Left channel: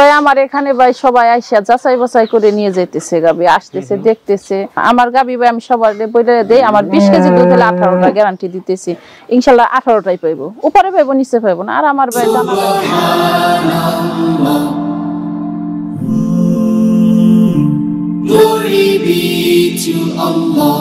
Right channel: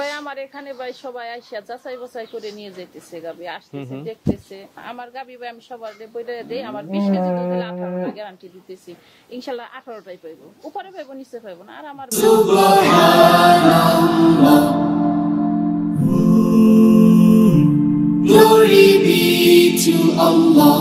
ভাই আমার এখানে ভাই সবাই আইসা যাচাই বাছাই করে নিয়ে যাইতেছে, গাবি আসতেছে দেখতেছে। আমার গাবি ভাই আমি সবার বইলে দেই, আমার 20 কেজি দুধ হলে 18টা গ্যারান্টি দিতেছি, ইনশাআল্লাহ 18টাই পাইবো, উপরে পাইবো নিচে পাইবো না। আর আমার ভাই Glory be to Allah.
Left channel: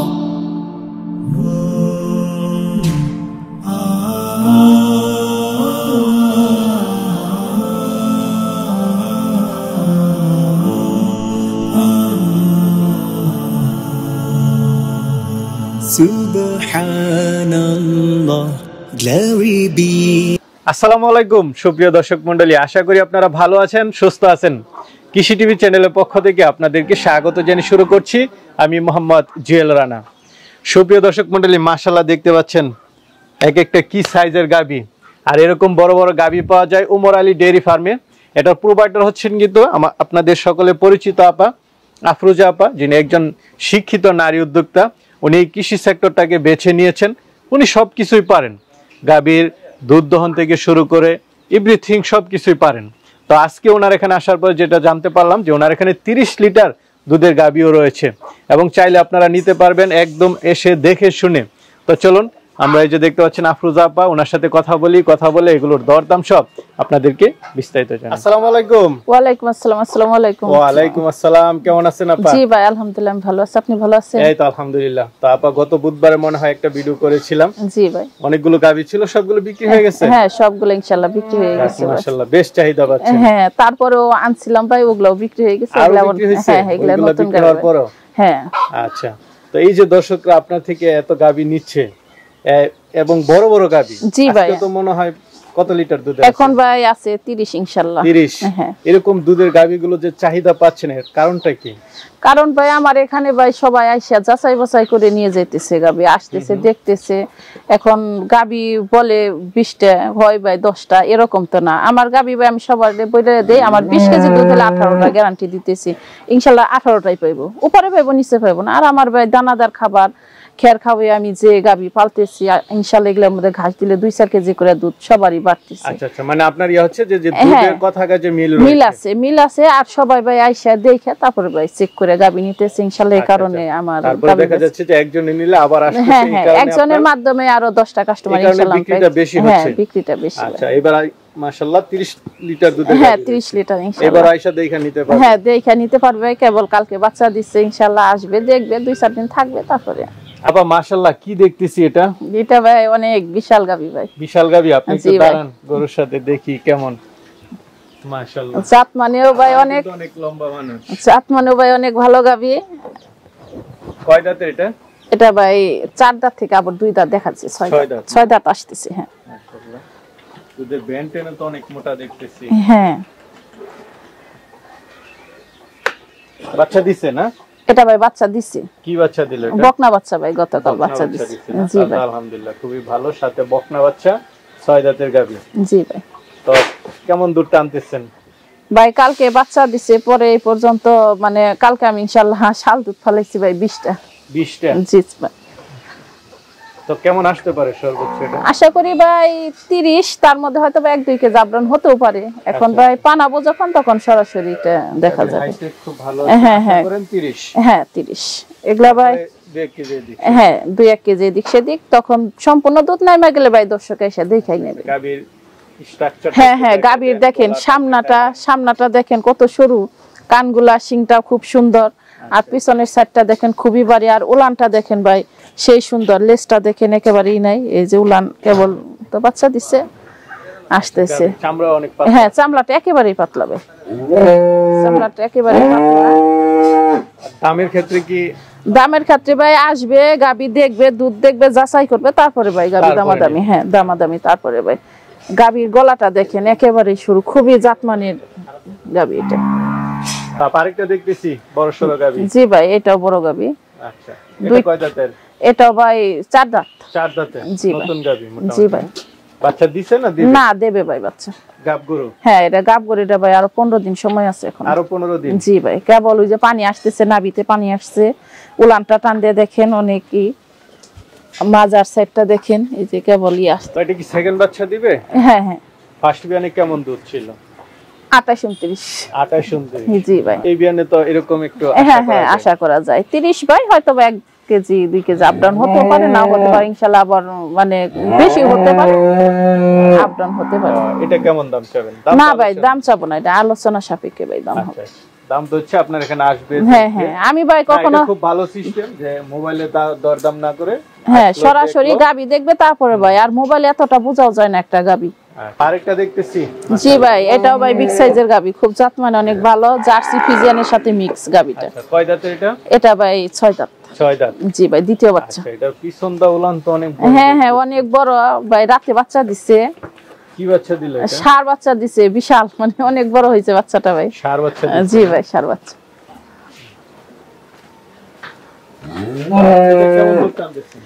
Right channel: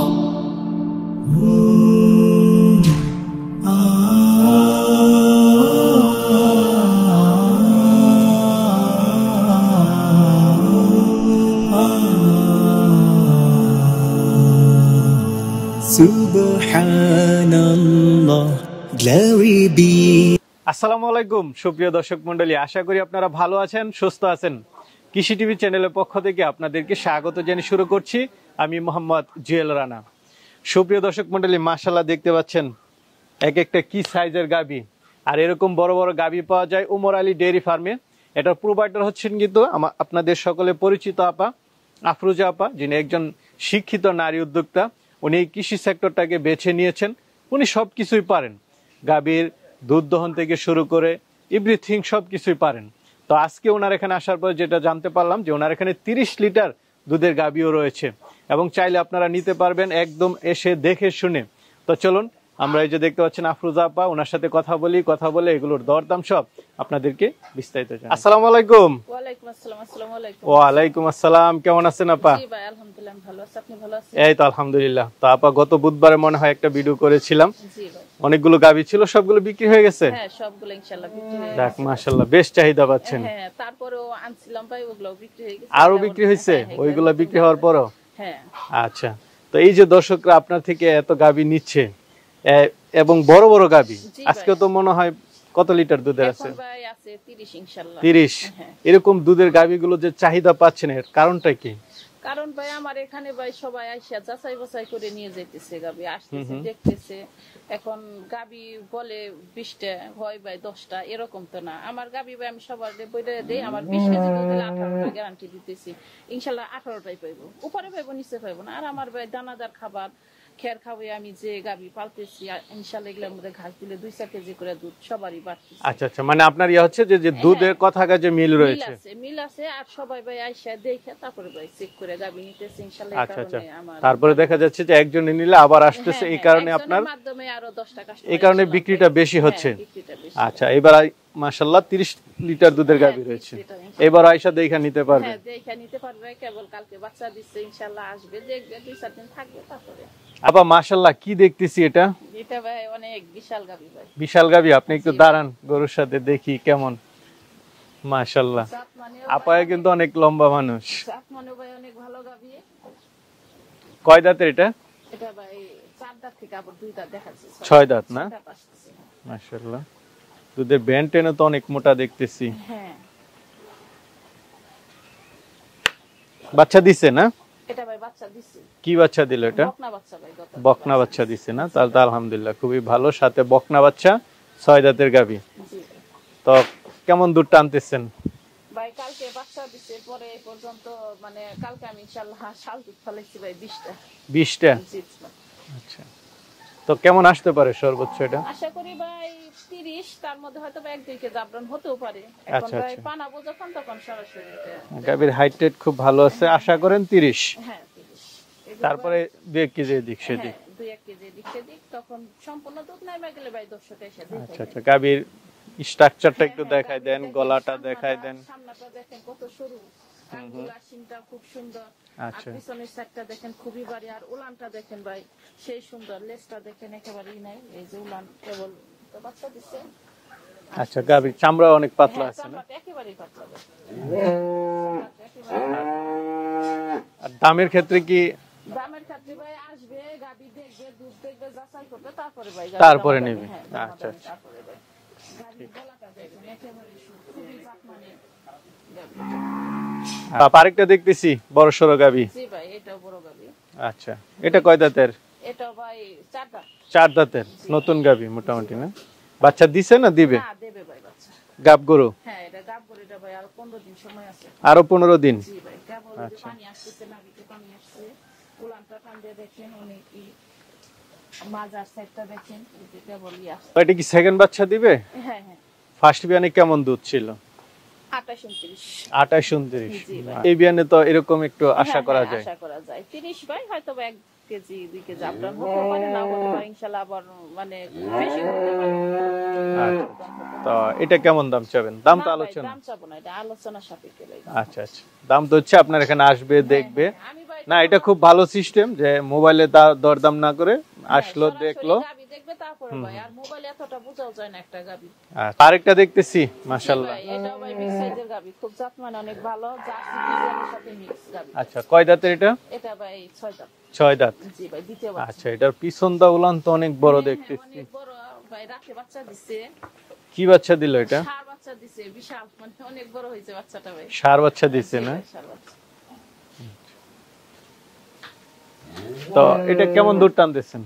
Subhanallah, glory be. আসসালামু আলাইকুম সুপ্রিয় দর্শক মণ্ডলী, আশা করি আপনারা ভালো আছেন, সুস্থ আছেন। কৃষি টিভি চ্যানেলের পক্ষ থেকে আপনাদেরকে স্বাগত জানিয়ে শুরু করছি আমি মোহাম্মদ জুয়েল রানা। সুপ্রিয় দর্শক মণ্ডলী, মাশাআল্লাহ দেখতে পাচ্ছেন এক একটা কি সাইজের গাবি, আর এরকম বড় বড় গাবি পাওয়া যায় উমর আলী ডেয়ারি ফার্মে। এটার প্রোভাইডার হচ্ছেন কিন্তু আপনাদের সকলে পরিচিত আপা আফরোজা আপা, যিনি একজন শিক্ষিত নারী উদ্যোক্তা। উনি কৃষি সেক্টরটাকে বেছে নিয়েছেন, উনি সব কিছুই পারেন, গাবির দুধ দহন থেকে শুরু করে এভরিথিং সব কিছুই পারেন। তো আজকে ওনার এখানে আসার পর যেটা জানতে পারলাম যে ওনার এখানে 30 লিটার দুধের গাবিও রয়েছে এবং চাইলে আপনারা নিতে পারবেন একদম এসে দেখে শুনে। তো চলুন আমরা এই যে দেখতে পাচ্ছেন আফরোজা আপা, ওনার সাথে কথা বলে এগুলোর দরদাম সব আপনাদেরকে বিস্তারিত জানাই। আসসালামু আলাইকুম। ওয়ালাইকুম আসসালাম। আসসালামু আলাইকুম। ওয়ালাইকুম আসসালাম। কেমন আছেন আপা? জি ভাই আলহামদুলিল্লাহ আমি ভালো আছি, আপনি ভালো আছেন? এই তো আলহামদুলিল্লাহ। তো আপা গত বুধবারে মনে হয় একটা ভিডিও করেছিলাম। জি ভাই। অনেকগুলো গাবি ছিল, সবগুলো বিক্রি হয়ে গেছে? হ্যাঁ সবগুলো ইনশাআল্লাহ বিক্রি হয়ে গেছে। মাশাআল্লাহ বেশ চাহিদা পাচ্ছেন। হ্যাঁ তারপরেও আনছিলাম ভাই, ওগুলো বিক্রি হয়ে গেছে। হ্যাঁ এগুলো নতুন বিক্রি হওয়ার পরও। হ্যাঁ আচ্ছা, তো এই যে দর্শকরা আপনার থেকে এত গাবি নিচ্ছে এবং বড় বড় গাবি, আজকে তো মনে হয় কত লিটার দুধ আছে এখন ভাই? আছে 30 ইনশাআল্লাহ। 30। হ্যাঁ এরকম দুধের গাবিগুলো যে চাহিদা পাচ্ছেন এর কারণটা কি? কারণ ভাই আমার এখানে ভাই সবাই আইসা যাচাই বাছাই করে নিয়ে যাইতেছে, গাবি আসতেছে দেখতেছে। এখন গাবি বলে 20টা হয় ভাই 10টা, এরকম তো না। আমার গাবি ভাই আমি সবার বইলে দেই, আমার 20 কেজি দুধ হলে 18টা গ্যারান্টি দিতেছি, ইনশাআল্লাহ 18টাই পাইবো, উপরে পাইবো নিচে পাইবো না। আর আমার ভাই দানাদার খাবার খের খাওয়াই আমি যে গাবি পালতেছি, ইনশাআল্লাহ এগুলোর মধ্যে ঘাস দিলে 2-4 কেজি করে দুধ সবারই বাড়তেছে। আচ্ছা আচ্ছা, মানে আপনার ইয়া হচ্ছে যে দুধের কথা যে মিল আছে। আর সবাই ভাই আইসা দেখে তারপরে ভাই চেক করে গাবি নিতেছে ইনশাআল্লাহ। এই কারণে আমার তারপরে দেখা যাচ্ছে যে একজনে নিলে আবার আসতেছে, এই কারণে একজনের মাধ্যমে আরো 10টা কাস্টমার ইনশাআল্লাহ বিক্রিটা বেশি হচ্ছে। হ্যাঁ বিক্রিটা বেশি। আচ্ছা, এবার মাশাআল্লাহ 30 লিটার দুধ। হ্যাঁ 30 লিটার ইনশাআল্লাহ। এবার আয়শা দেখে নিতে পারবে। হ্যাঁ দেখে নিতে পারবে, কেবল কালকে বাচ্চা দিচ্ছে ইনশাআল্লাহ, আসবে দেখবে 2-4 দিন থাকবে তারপরে। আপা মাশাআল্লাহ কি দেখতেছি এটা? এটা ভাই অনেক বিশাল গাবি ভাই। বিশাল গাবি। আপনি একটু দাঁড়ান, গরুর সাথে দেখি কেমন। মাশাআল্লাহ জাত মানেও ভাই অনেক লম্বা মানুষ, জাত মানেও ভাই অনেক ভালো গাবি। কয় দাঁতের এটা? এটা ভাই 4 দাঁত থেকে আবার 2 দাঁত দেখাচ্ছে, 6 দাঁত আসতেছে। হ্যাঁ মাশাআল্লাহ দুধের বেন্টেনও তো অনেক মোটা দেখতেছি। হ্যাঁ বাচ্চা দিছে না? এটা ভাই বাচ্চা দিছে। কি বাচ্চা দিল এটা? বকনা বাচ্চা ভাই, গতকাল বাচ্চা দিছে না? আলহামদুলিল্লাহ খুবই ভালো, সাথে বকনা বাচ্চা, 6 দাঁতের গাবি। জি ভাই। তো কেমন দুধ টানতেছেন ভাই? কালকে বাচ্চা দিছে, পরে এই পর্যন্ত মানে কালকে আমি ইনশাআল্লাহ শাল দুধ ফলাইছি ভাই 20টা। 20টা? জি ভাই। তো কেমন আসতে পারে সর্বোচ্চ এটা? আশা করি ভাই 30, তার মধ্যে হয়তো 1-2 কেজি জাবরান হতেও পারে। এখন ভাই পানাবো যখন তখন সরাসরি এটা দেখা যাবে। হাইট খুব ভালো আছে, আশা করেন 30। হ্যাঁ 30 এগুলা ভাই 2 কেজি এদিক। হ্যাঁ 2-1 কেজি এদিক সেদিক, তখন সম্পূর্ণ দুধ নাইমা গেলে ভাই দর্শক এসে দেখাই নেবে গাবির স্ট্রাকচারটা। হ্যাঁ গাবির দেখেন সামনাটা দেখেন কত সরু, কানগুলা শিংটা খুব সুন্দর, আর পিছনের সাইডটা দেখেন খুবই ভারী, আর উলানটা দেখেন ভাই সেই সুন্দর, লেজটা দেখেন একেবারেই নাই। এই যে উলান কেবল তো বাচ্চা দিছে, আসতেছে। চামড়া অনেক পাতলা। হ্যাঁ চামড়াটা একেবারেই পাতলা ভাই, চামড়াটা একেবারেই পাতলা। দামের ক্ষেত্রে কি? দামের ক্ষেত্রে ভাই আসবে, গাবি দেখবে, দুধ দেখবে, যাচাই করবে, তারপরে ভাই গাবি দামাদামি। হ্যাঁ দামাদামি তারপরে ভাই। গাবির গলাটা দেখেন একেবারেই সরু, খুবই জাতমানের গাবি এটা। আরেকটা দেখতেছি বড় সরো গাবি। জি ভাই এটাও বড় গাবি। আচ্ছা, এটা কয় দাঁতের? এটাও ভাই 4 দাঁত। 4 দাঁতের নতুন গাবি মোটামুটি। জি ভাই। বাচ্চা দিছে না দিবে? না দেবে ভাই বাচ্চা। গাব গরু? হ্যাঁ এটা গাব গরু। এটা ভাই আরো 15 দিন সময় আছে এখন। আরো 15 দিন? জি ভাই। কেবল ওই যে পানি আসতেছে, নাভিতে পানি আসছে, উলানটা টান দিয়ে দেখেন অনেকই, মাজার সাইডটা দেখেন এই যে কেবলই আসছে। এটা কি সেকেন্ড বাচ্চা দিবে? হ্যাঁ হ্যাঁ। ফার্স্ট বিয়ানে কেমন দুধ ছিল? 28 29। 28 29। জি ভাই। এই বিয়ানে তো এরকম একটু আশা হ্যাঁ করা হ্যাঁ যায়। আশা করা যায় 30 ভাই হয়তো 1 কেজি 2 কেজি আপ ডাউন হতে পারে, নাও হতে পারে, ইনশাআল্লাহ আবার মানে বেশি হতে পারে, আপ ডাউন হতে পারে। এটা কেমন দাম চাবেন? না ভাই দাম চাবো না, এটা আলোচনা সাপেক্ষে ভাই দাম হবে। আচ্ছা আচ্ছা, দাম তো হচ্ছে আপনার এখানে আসবে হ্যাঁ দেখবে। হ্যাঁ আমি ভাই না, কখনো এটা খুব ভালো সিস্টেম যে মোবাইলে দরদাম না করে হ্যাঁ আসলো সরাসরি দেখলো। গাবি দেখবে তারপরে ভাই, আর মোবাইলে এতটা বোঝাও যায় না একটা গাবি। আরেকটা দেখতেছি। জি ভাই এটাও ভাই বিগ সাইজের গাবি, খুব জাত মানে অনেক ভালো, জার্সি ফিজিয়ানের সাথে মিক্স গাবিটা। আচ্ছা, কয় দাঁতের এটা? এটা ভাই 6 দাঁত। 6 দাঁত। জি ভাই দ্বিতীয় বাচ্চা। আচ্ছা, এটার পিছন দা উলান তো অনেক বড়। হ্যাঁ হ্যাঁ অনেক বড় ভাই, রাতে বাচ্চা দিছে। কি বাচ্চা দিল এটা? ষাঁড় বাচ্চা দিছে, বিশাল মানে অনেক বড় হয়েছে বাচ্চাটা ভাই। ষাঁড় বাচ্চা দিছে? জি ভাই ষাঁড় বাচ্চা। তো এটা কেমন দূর টানতেছেন?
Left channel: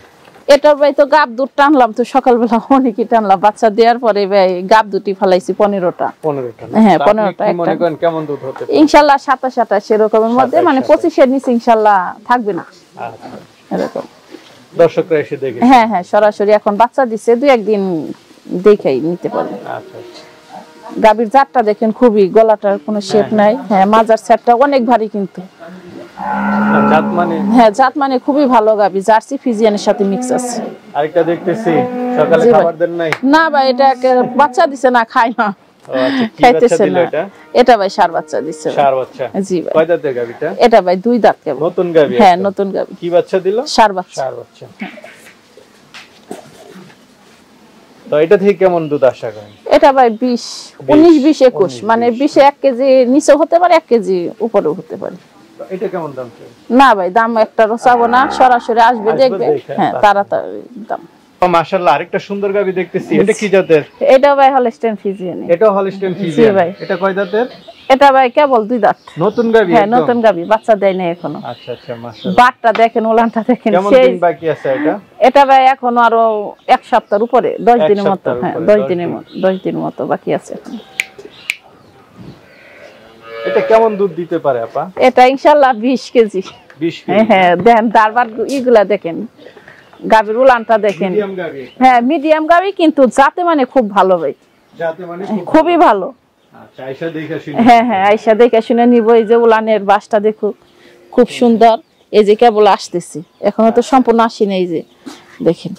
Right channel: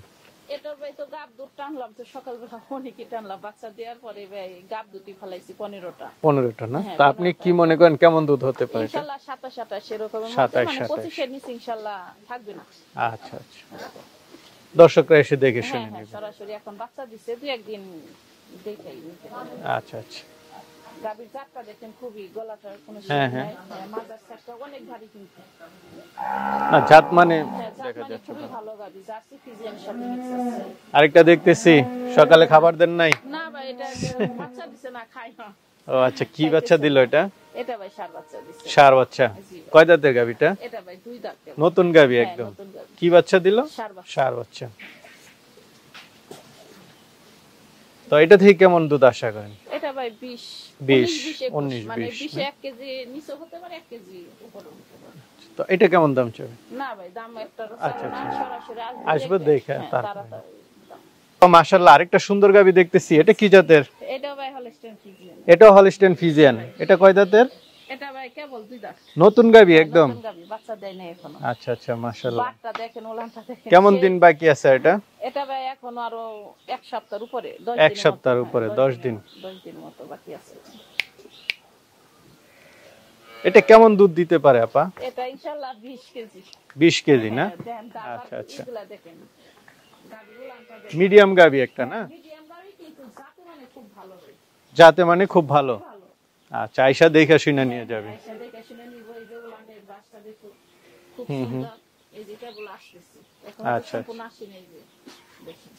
এটা ভাই তো গাব দুধ টানলাম তো সকালবেলা অনেকই টানলাম, বাচ্চা দেওয়ার পরে ভাই গাব দুটি ফেলাইছি 15টা। 15টা না? হ্যাঁ, তা আপনি 15টা কি মনে করেন কেমন দুধ হতে পারে? ইনশাআল্লাহ 27 28 এরকমের মধ্যে, 27, মানে 25 এর নিচে ইনশাআল্লাহ থাকবে না আচ্ছা, এরকম। দর্শকরা এসে দেখে। হ্যাঁ হ্যাঁ সরাসরি এখন বাচ্চা দিছে, 2 একদিন দেখেই নিতে পারবে। আচ্ছা আচ্ছা। গাবির জাতটা দেখেন খুবই, গলাটার কোনো শেপ নাই। হ্যাঁ মাজার সেটটা অনেক ভারী কিন্তু। জাত মানে? হ্যাঁ জাত মানে খুবই ভালো গাবি, জার্সি ফিজিয়ানের সাথে মিক্স আছে। আরেকটা দেখতেছি, সকালে জি ভাই। খাবার দেন নাই? না ভাই এটা বাচ্চা দিছে না, খায় না, ও আচ্ছা, কি বাচ্চা খাইতেছে দিল না। এটা? এটা ভাই ষাঁড় বাচ্চা দিছে ভাই। ষাঁড় বাচ্চা। জি ভাই। কয় দাঁতের গাবিটা? এটা ভাই 2 দাঁত কেবল। নতুন গাবি? হ্যাঁ একদম। নতুন গাবি। কি বাচ্চা দিল? ষাঁড় বাচ্চা। ষাঁড় বাচ্চা। তো এটা থেকে কেমন দুধ আশা করেন? এটা ভাই 20 19 20 21 19, মানে 20 1 কেজি নিচে হতে পারে, 1 কেজি উপরেও হতে পারে। তো এটা কেমন দাম চাই? না ভাই দাম একটা রসাবো না, সরাসরি আসবে দেখবে। দেখে, হ্যাঁ তাড়াতাড়ি দাম। তো মাশাআল্লাহ আরেকটা সুন্দর গাবি দেখতেছি, এটা কি জাতের? এটা ভাই হলস্টেইন ফ্রিজিয়ান। এটা হলস্টেইন ফ্রিজিয়ান। ভাই। এটা কয় দাঁতের? এটা ভাই কেবল 2 দাঁত। নতুন গাবি হ্যাঁ একদম? নতুন গাবি, বাচ্চা দেয় না এখনো। আচ্ছা আচ্ছা মাশাআল্লাহ। বাটটা দেখেন, উলানটা দেখেন কেমন সেই। দিন বাকি আছে এটা? এটা ভাই এখনো আরো 1 সপ্তাহের উপরে, 10 এক দিনের মতো। সপ্তাহের হ্যাঁ উপরে, 10 10 দিনের দিন। মতো, 10 দিনের মতো বাকি আছে এখন। এটা কেমন দুধ দিতে পারে আপা? এটা ইনশাআল্লাহ 20 কেজি। 20 কেজি। হ্যাঁ দেখেন দারবার ইগুলা দেখেন, গাবির উলানটা দেখেন। মিডিয়াম গাবি একটা। হ্যাঁ মিডিয়াম গাবি কিন্তু জাতে মানে খুব ভালো ভাই, যাতে মানে খুব খুবই ভালো। ভালো। আচ্ছা আয়েশা দেখে শুনে। হ্যাঁ হ্যাঁ আইসা দেখে শুনে নিব। এই যে উলানের বাসটা দেখো খুব সুন্দর, এই যে কেবল আসতেছি এখনো তো সম্পূর্ণ আসি না, এই যে দেখেন,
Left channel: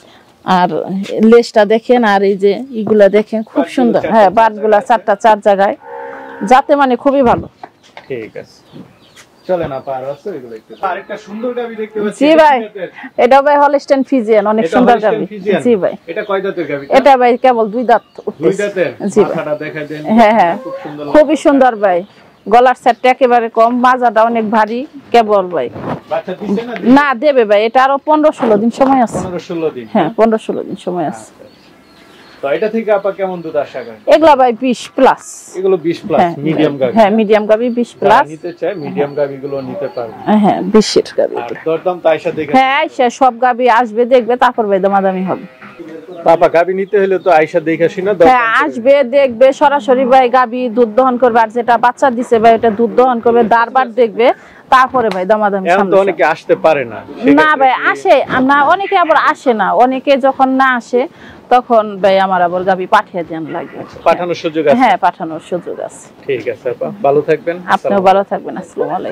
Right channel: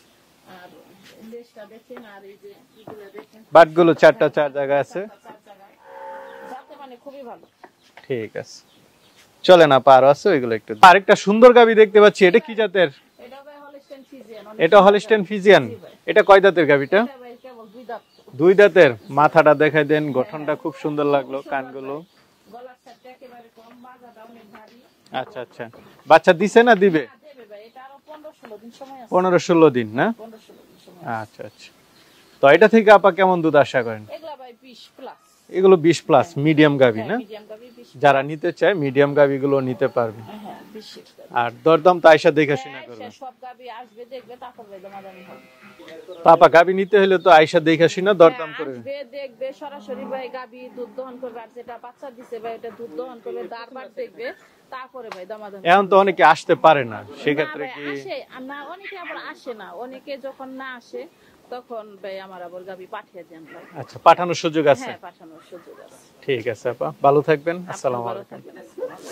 আর লেজটা দেখেন, আর এই যে ইগুলা দেখেন খুব বাটগুলো সুন্দর। চারটা হ্যাঁ চার বাটগুলা জায়গায় আছে। 4টা 4 জায়গায়, যাতে মানে খুবই ভালো। ঠিক আছে, চলে না পার আছে ওইগুলো একটু। আরেকটা সুন্দর গাবি দেখতে পাচ্ছি, জি এটা ভাই, কি জাতের? এটা ভাই হলস্টেইন ফ্রিজিয়ান, অনেক এটা সুন্দর হলস্টেইন গাবি। ফ্রিজিয়ান। জি ভাই। এটা কয় দাঁতের গাবিটা? এটা ভাই কেবল 2 দাঁত। 2 দাঁতের। জি ভাই। মাথাটা দেখাই দেন। হ্যাঁ হ্যাঁ খুব সুন্দর লাগে। খুবই সুন্দর ভাই, গলার সেটটা একেবারে কম, মাজাটা অনেক ভারী কেবল ভাই। বাচ্চা দিছে না দিবে? না দেবে ভাই, এটা আরো 15 16 দিন সময় আছে। 15 16 দিন। হ্যাঁ 15 16 দিন সময় আছে। আচ্ছা আচ্ছা। তো এটা থেকে আপা কেমন দুধ আশা করেন? এগুলা ভাই 20 প্লাস। এগুলো 20 প্লাস মিডিয়াম গাবি। হ্যাঁ মিডিয়াম গাবি 20 যারা প্লাস। নিতে চায় মিডিয়াম গাবিগুলো নিতে পারবে। হ্যাঁ 20 এর গাবি। আর দরদাম তো আয়েশা দেখে। হ্যাঁ আইসা সব গাবি আসবে দেখবে, তারপর ভাই দামাদামি হবে। বাবা গাবি নিতে হলে তো আয়েশা দেখে শুনে দরদাম হ্যাঁ আসবে দেখবে, সরাসরি ভাই গাবি দুধ দহন করবে, আর যেটা বাচ্চা দিছে ভাই ওটা দুধ দহন করবে, দারবার দেখবে, তারপরে ভাই দামাদামি এখন তো সামনে। অনেকে আসতে পারে না। না ভাই আসে না, অনেকে আবার আসে না, অনেকে যখন না আসে তখন ভাই আমার আবার গাবি পাঠিয়ে দেন লাগে। পাঠানোর সুযোগ আছে? হ্যাঁ পাঠানোর সুযোগ আছে। ঠিক আছে আপা, ভালো থাকবেন। আপনিও ভালো থাকবেন। আসসালামু আলাইকুম।